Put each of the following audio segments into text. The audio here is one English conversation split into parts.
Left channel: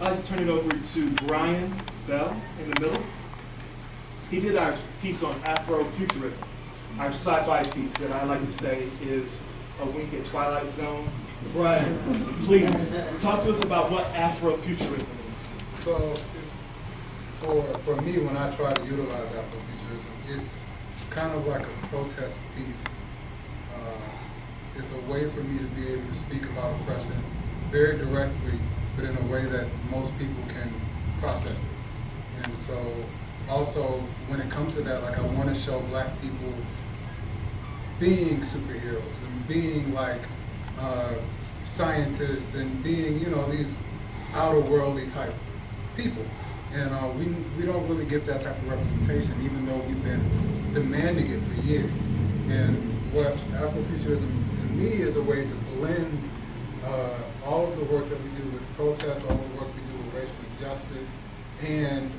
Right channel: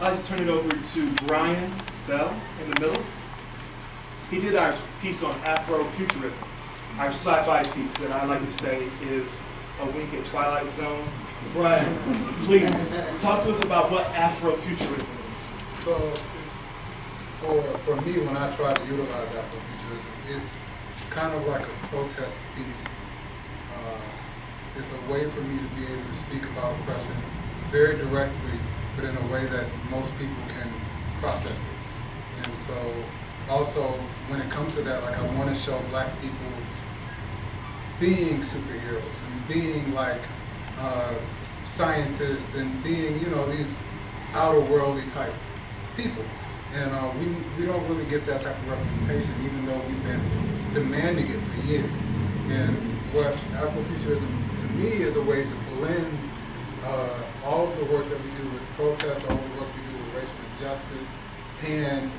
I'd like to turn it over to Brian Bell in the middle. He did our piece on Afrofuturism, our sci-fi piece that I like to say is a wink at Twilight Zone. Brian, please talk to us about what Afrofuturism is. So it's, for me, when I try to utilize Afrofuturism, it's kind of like a protest piece. It's a way for me to be able to speak about oppression very directly, but in a way that most people can process it. And so also when it comes to that, like I want to show black people being superheroes and being like scientists and being, you know, these outer worldly type people. And we don't really get that type of representation, even though we've been demanding it for years. And what Afrofuturism to me is a way to blend all of the work that we do with protests, all of the work we do with racial injustice, and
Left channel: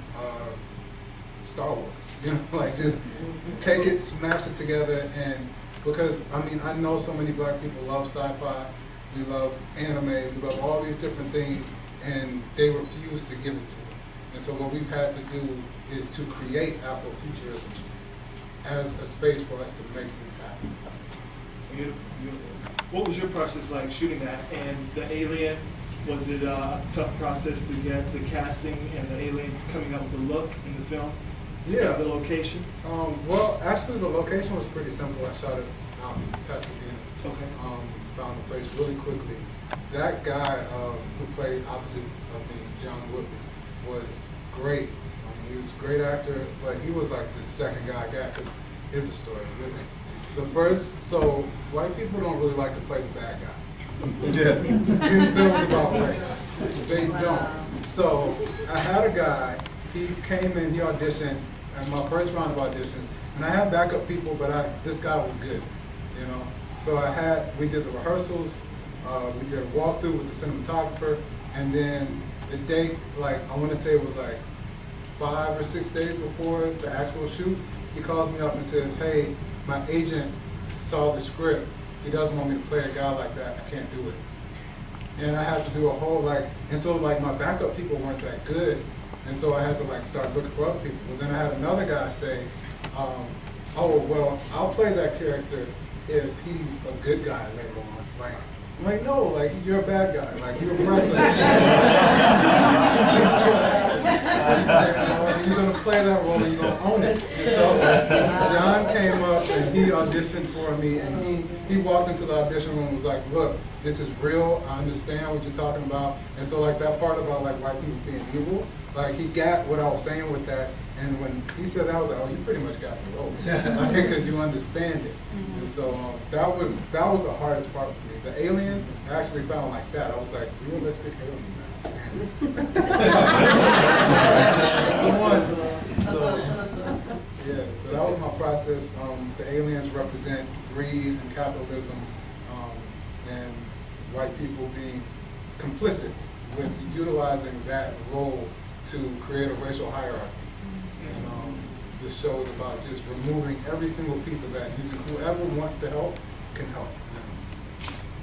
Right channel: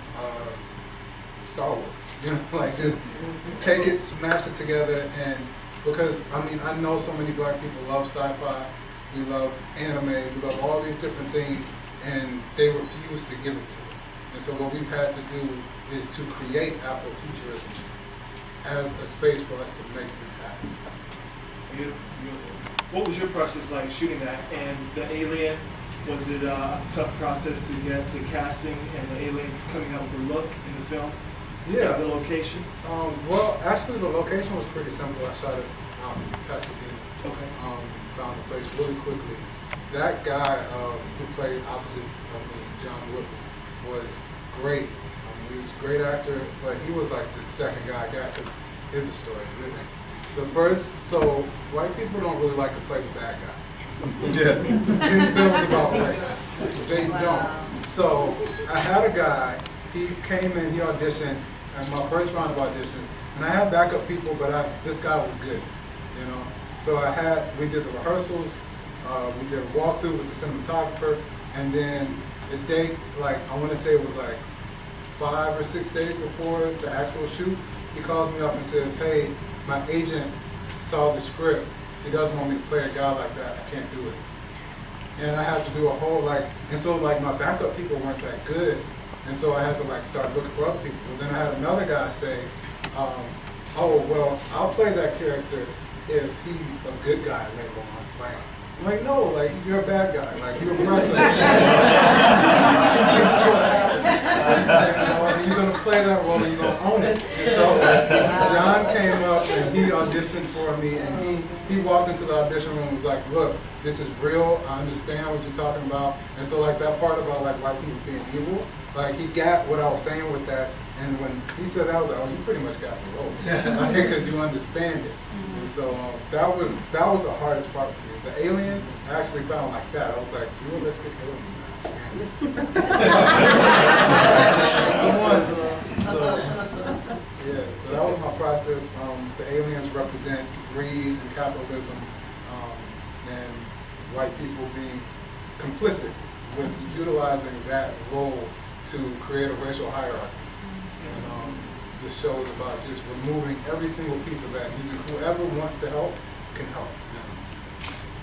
Star Wars. You know, like just take it, smash it together, and because I mean I know so many black people love sci-fi, we love anime, we love all these different things, and they refuse to give it to us. And so what we've had to do is to create Afrofuturism as a space for us to make this happen. Beautiful, beautiful. What was your process like shooting that? And the alien, was it a tough process to get the casting and the alien coming out with the look in the film? Yeah. The location? Well, actually the location was pretty simple. I shot it out in Pasadena. Okay. Found the place really quickly. That guy who played opposite of me, John Woodley, was great. He was a great actor, but he was like the second guy I got, because here's the story. The first, so white people don't really like to play the bad guy. Yeah. In films about race. They don't. So I had a guy, he came in, he auditioned, and my first round of auditions, and I had backup people, but this guy was good, you know. So we did the rehearsals, we did a walkthrough with the cinematographer, and then the date, like I want to say it was like 5 or 6 days before the actual shoot, he calls me up and says, hey, my agent saw the script. He doesn't want me to play a guy like that. I can't do it. And I had to do a whole and so like my backup people weren't that good. And so I had to like start looking for other people. But then I had another guy say, oh, well, I'll play that character if he's a good guy later on. I'm like, no, like you're a bad guy. Like you're oppressive. This is what happens. You're gonna play that role and you're gonna own it. And so John came up and he auditioned for me, and he walked into the audition room and was like, look, this is real, I understand what you're talking about. And so like that part about like white people being evil, like he got what I was saying with that. And when he said that, I was like, oh, you pretty much got the role, because you understand it. And so that was the hardest part for me. The alien, I actually found like that. I was like, realistic alien. That's the one. So yeah, so that was my process. The aliens represent greed and capitalism, and white people being complicit with utilizing that role to create a racial hierarchy. And this show is about just removing every single piece of that, using whoever wants to help can help.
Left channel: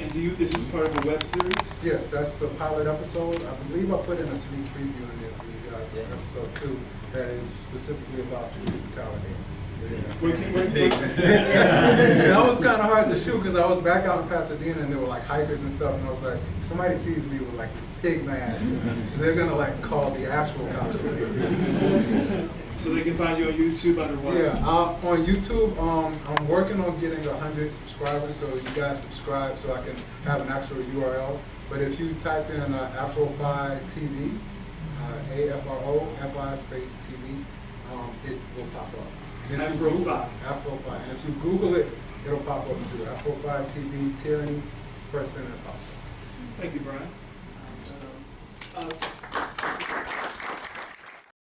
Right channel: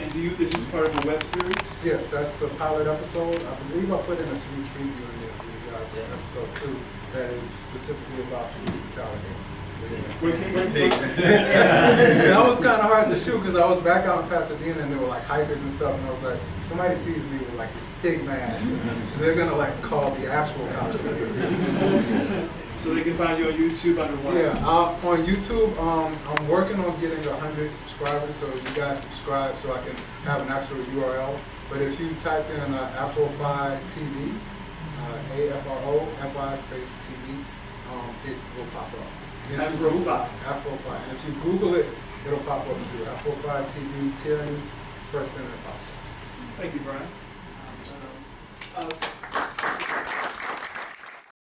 And this is part of a web series? Yes, that's the pilot episode. I believe I put in a sneak preview in there for you guys on episode 2 that is specifically about police brutality. That was kind of hard to shoot because I was back out in Pasadena and there were like hikers and stuff, and I was like, if somebody sees me with like this pig mask, they're gonna like call the actual cops. So they can find you on YouTube under what? Yeah, on YouTube, I'm working on getting 100 subscribers, so you guys subscribe so I can have an actual URL. But if you type in Afrofi TV, AFROFI space TV, it will pop up. Afrofi. Afrofi. And if you Google it, it'll pop up too. Afrofi TV, Tyranny, first thing that pops up. Thank you, Brian.